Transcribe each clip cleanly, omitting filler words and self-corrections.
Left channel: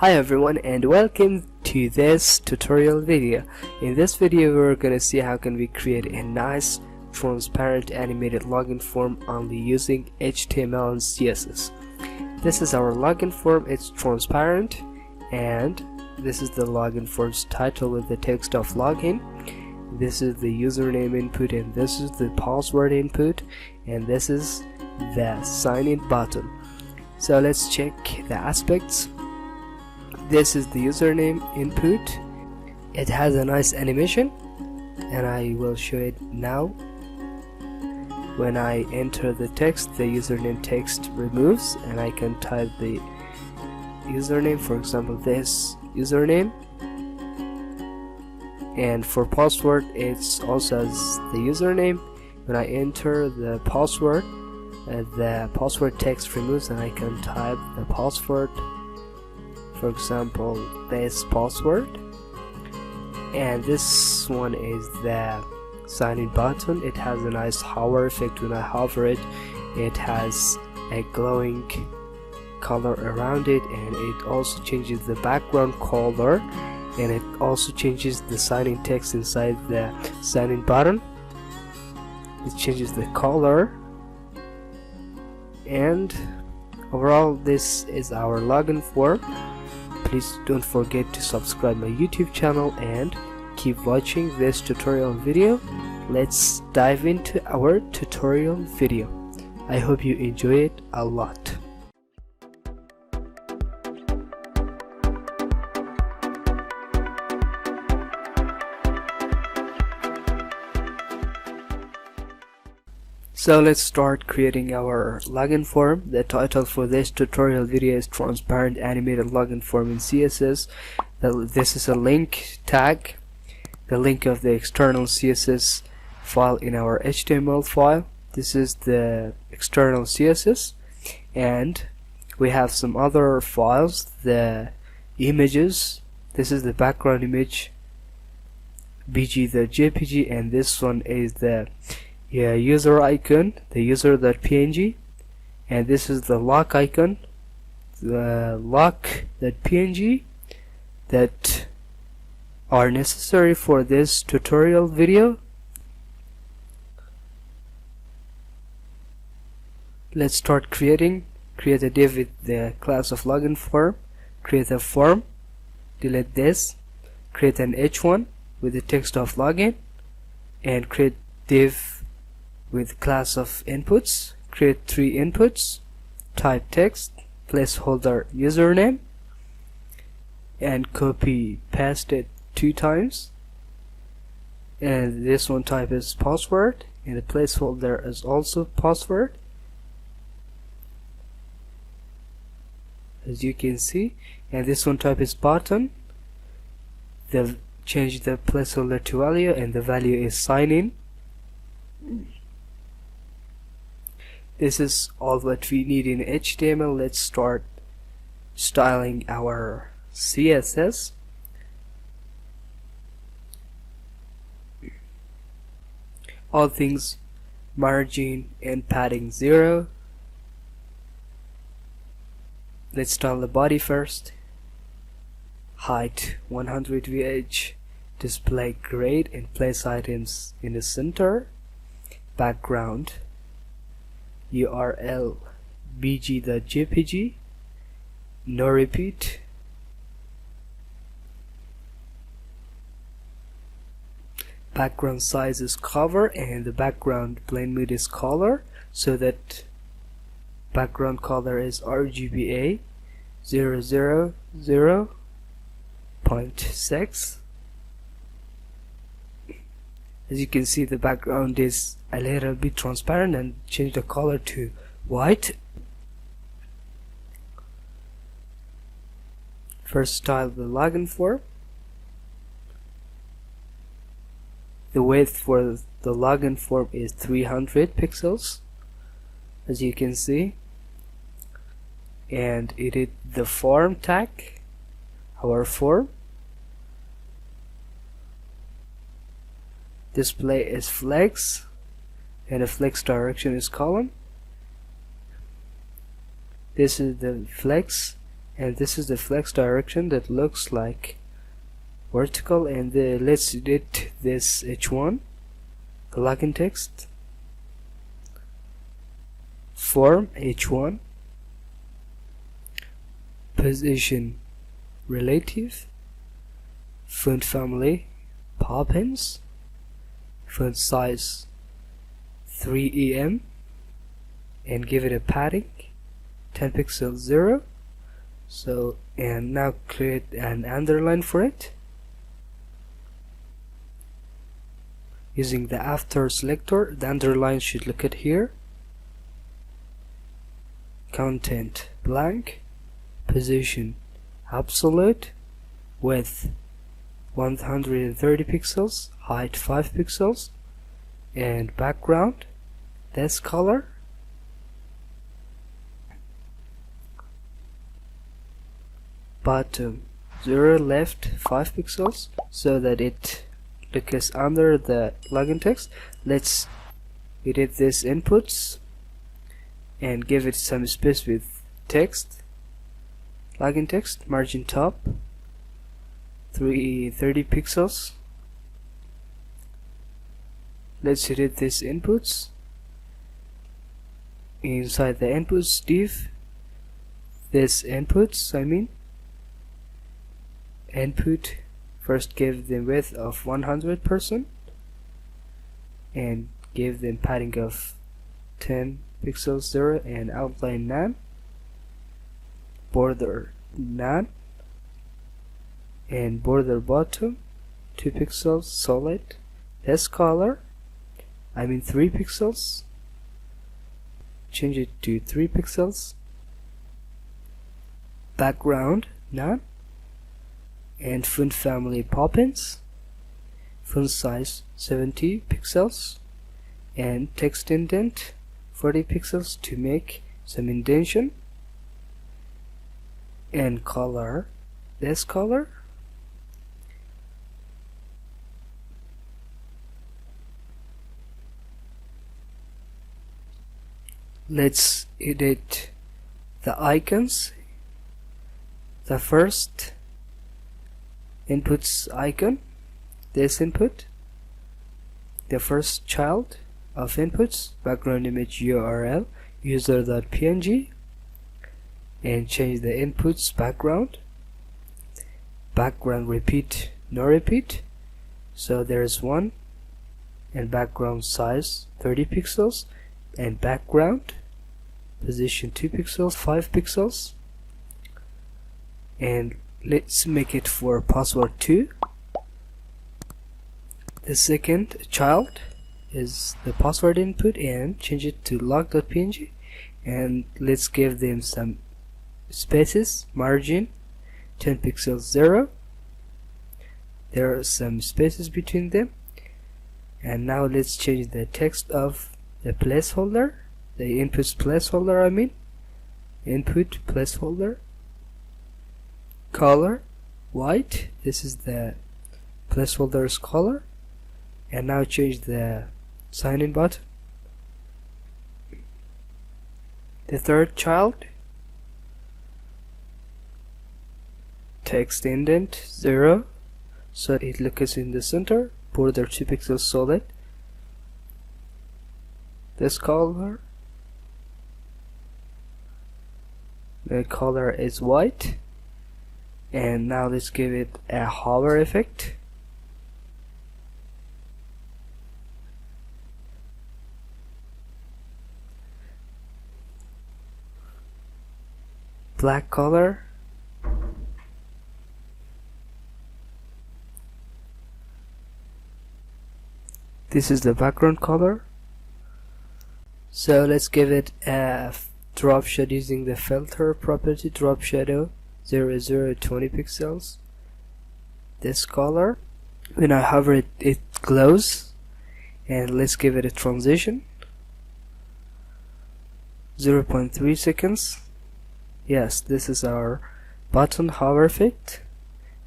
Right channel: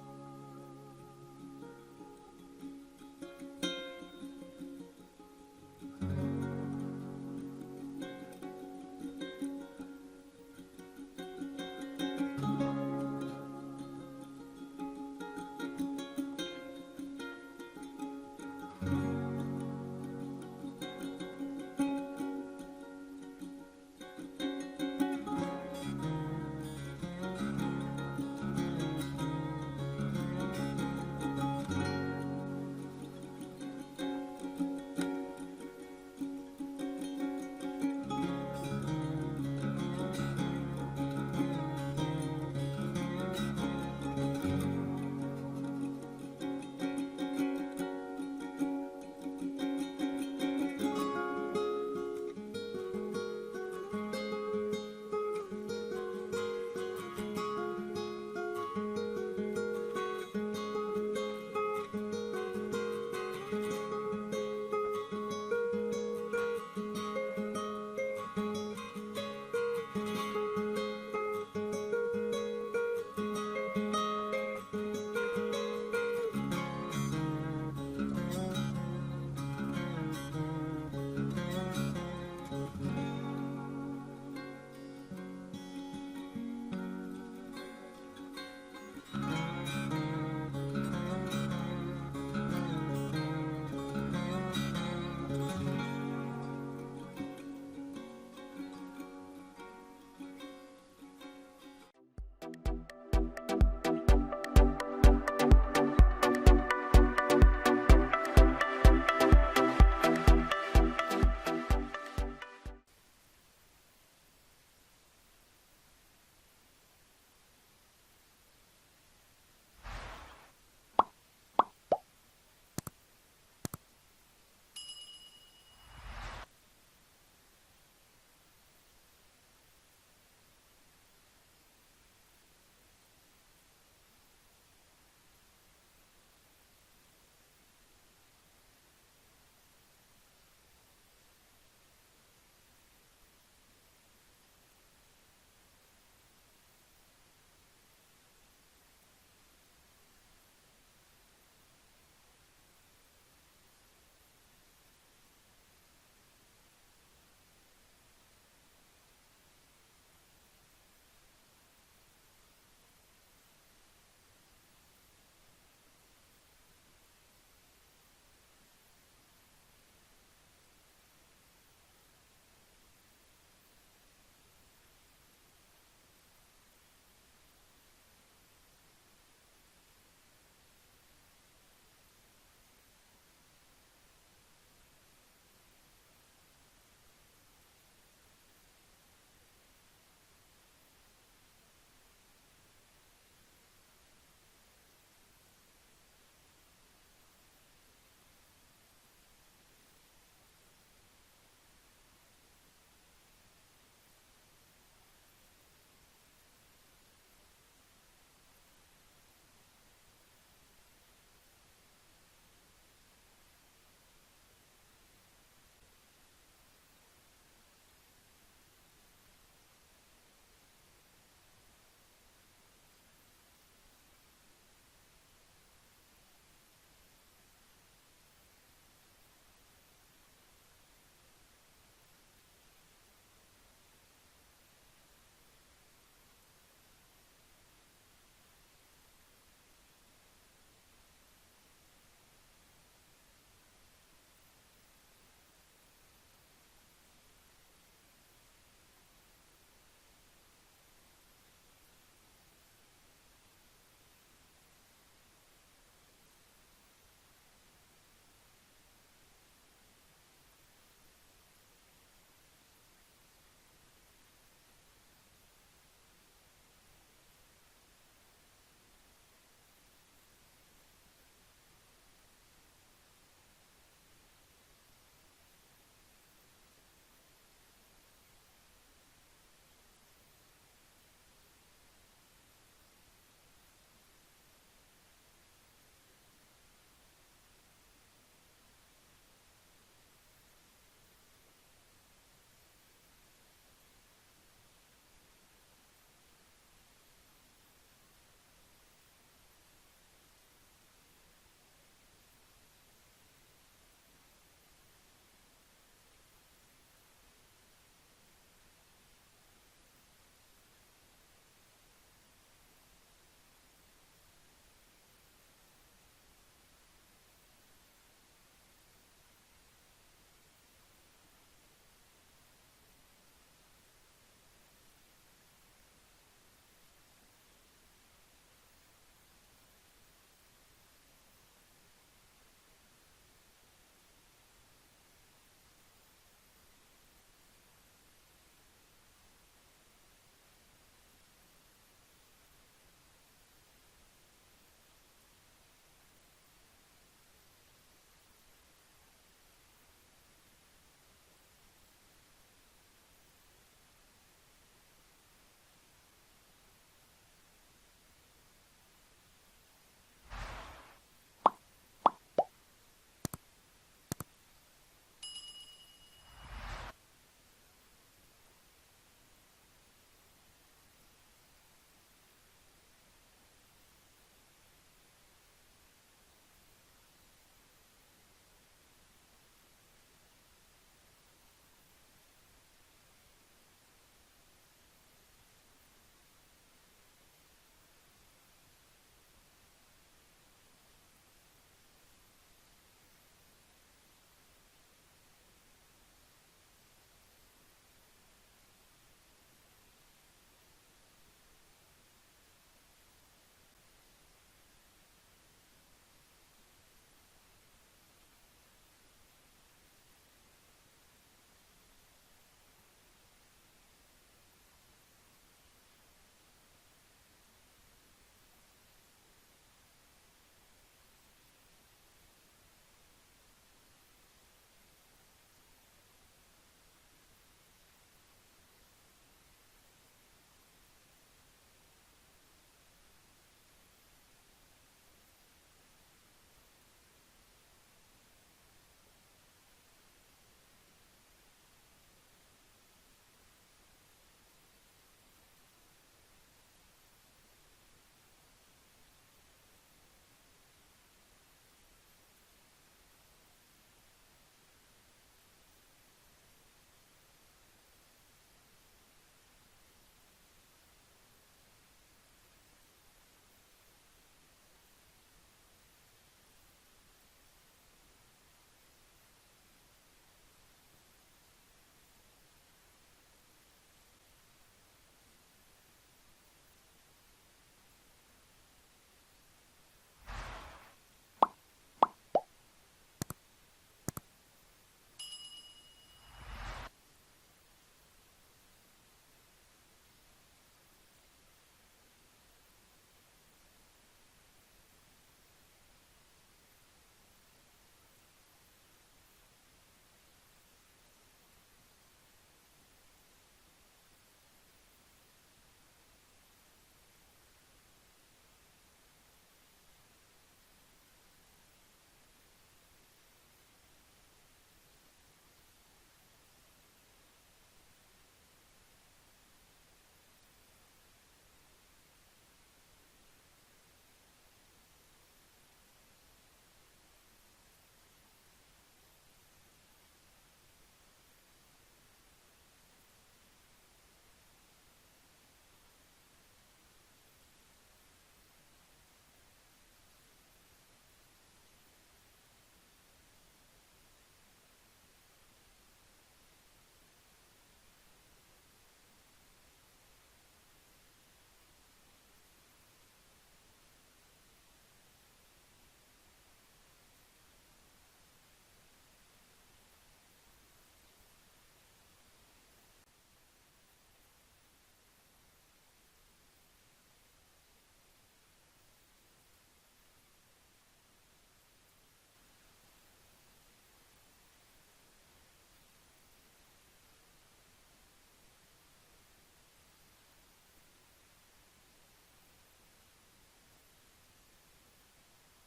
Hi everyone and welcome to this tutorial video. In this video we're gonna see how can we create a nice transparent animated login form only using HTML and CSS. This is our login form. It's transparent and this is the login form's title with the text of login. This is the username input and this is the password input and this is the sign in button. So let's check the aspects. This is the username input. It has a nice animation and I will show it now. When I enter the text, the username text removes and I can type the username, for example this username, and for password it's also as the username. When I enter the password text removes and I can type the password, for example this password. And this one is the sign in button. It has a nice hover effect. When I hover it, it has a glowing color around it, and it also changes the background color, and it also changes the sign in text inside the sign in button. It changes the color, and overall this is our login form. Please don't forget to subscribe my YouTube channel and keep watching this tutorial video. Let's dive into our tutorial video. I hope you enjoy it a lot. So let's start creating our login form. The title for this tutorial video is Transparent Animated Login Form in CSS. This is a link tag, the link of the external CSS file in our HTML file. This is the external CSS, and we have some other files, the images. This is the background image, BG the JPG, and this one is the user icon, the user.png, and this is the lock icon, the lock.png, that are necessary for this tutorial video. Let's start create a div with the class of login form, create a form, delete this, create an h1 with the text of login, and create div with class of inputs, create 3 inputs, type text, placeholder username, and copy paste it 2 times, and this one type is password and the placeholder is also password, as you can see, and this one type is button. Change the placeholder to value and the value is sign in. This is all what we need in HTML. Let's start styling our CSS. All things margin and padding 0. Let's style the body first. Height 100 VH. Display grade and place items in the center. Background URL bg.jpg, no repeat. Background size is cover and the background blend mode is color, so that background color is RGBA 000.6. As you can see, the background is a little bit transparent, and change the color to white. First, style the login form. The width for the login form is 300 pixels, as you can see, and edit the form tag, our form. Display is flex and the flex direction is column. This is the flex and this is the flex direction that looks like vertical. And let's edit this h1, the login text, form h1, position relative, font family Poppins, font size 3em, and give it a padding 10 pixels 0. So, and now create an underline for it using the after selector. The underline should look at here. Content blank, position absolute, width 130 pixels, height 5 pixels, and background this color. Bottom 0, left 5 pixels, so that it looks under the login text. Let's edit this inputs and give it some space with text, login text, margin top 30 pixels. Let's edit this inputs. Inside the inputs div, this inputs, input, first give them width of 100% and give them padding of 10 pixels 0 and outline none, border none, and border bottom 2 pixels solid. This color 3 pixels, change it to 3 pixels. Background none, and font family Poppins, font size 70 pixels, and text indent 40 pixels to make some indentation, and color this color. Let's edit the icons. The first inputs icon, this input, the first child of inputs, background image URL user.png, and change the inputs background repeat no repeat, so there's 1, and background size 30 pixels, and background position 2 pixels 5 pixels, and let's make it for password 2. The second child is the password input, and change it to log.png, and let's give them some spaces, margin 10 pixels 0. There are some spaces between them. And now let's change the text of the placeholder, the inputs placeholder, input placeholder, color white, this is the placeholder's color. And now change the sign in button. The third child, text indent 0, so it looks in the center, border 2 pixels solid. This color, the color is white. And now let's give it a hover effect. Black color, this is the background color. So let's give it a drop shadow using the filter property, drop shadow 0020 pixels. This color, when I hover it, it glows. And let's give it a transition 0.3 seconds. Yes, this is our button hover effect.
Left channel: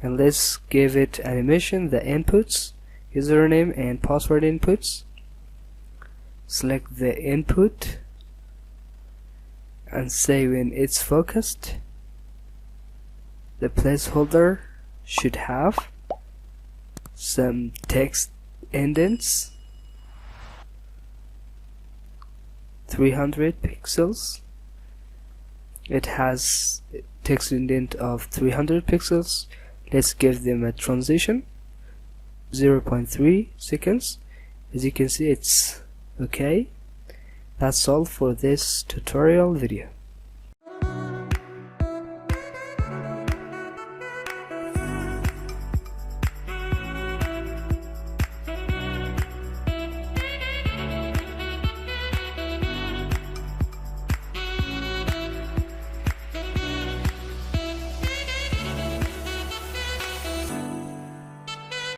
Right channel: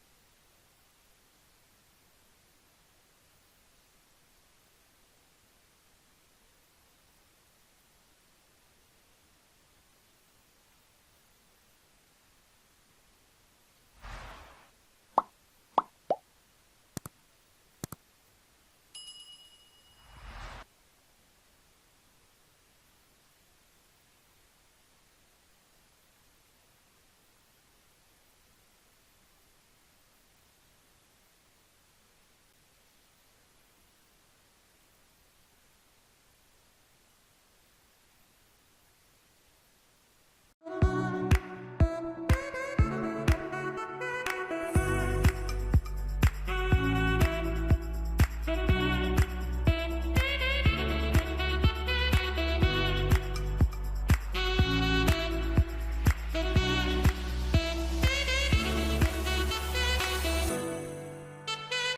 And let's give it animation, the inputs, username and password inputs. Select the input and say when it's focused. the placeholder should have some text indents, 300 pixels. It has text indent of 300 pixels. Let's give them a transition 0.3 seconds. As you can see, it's okay. That's all for this tutorial video.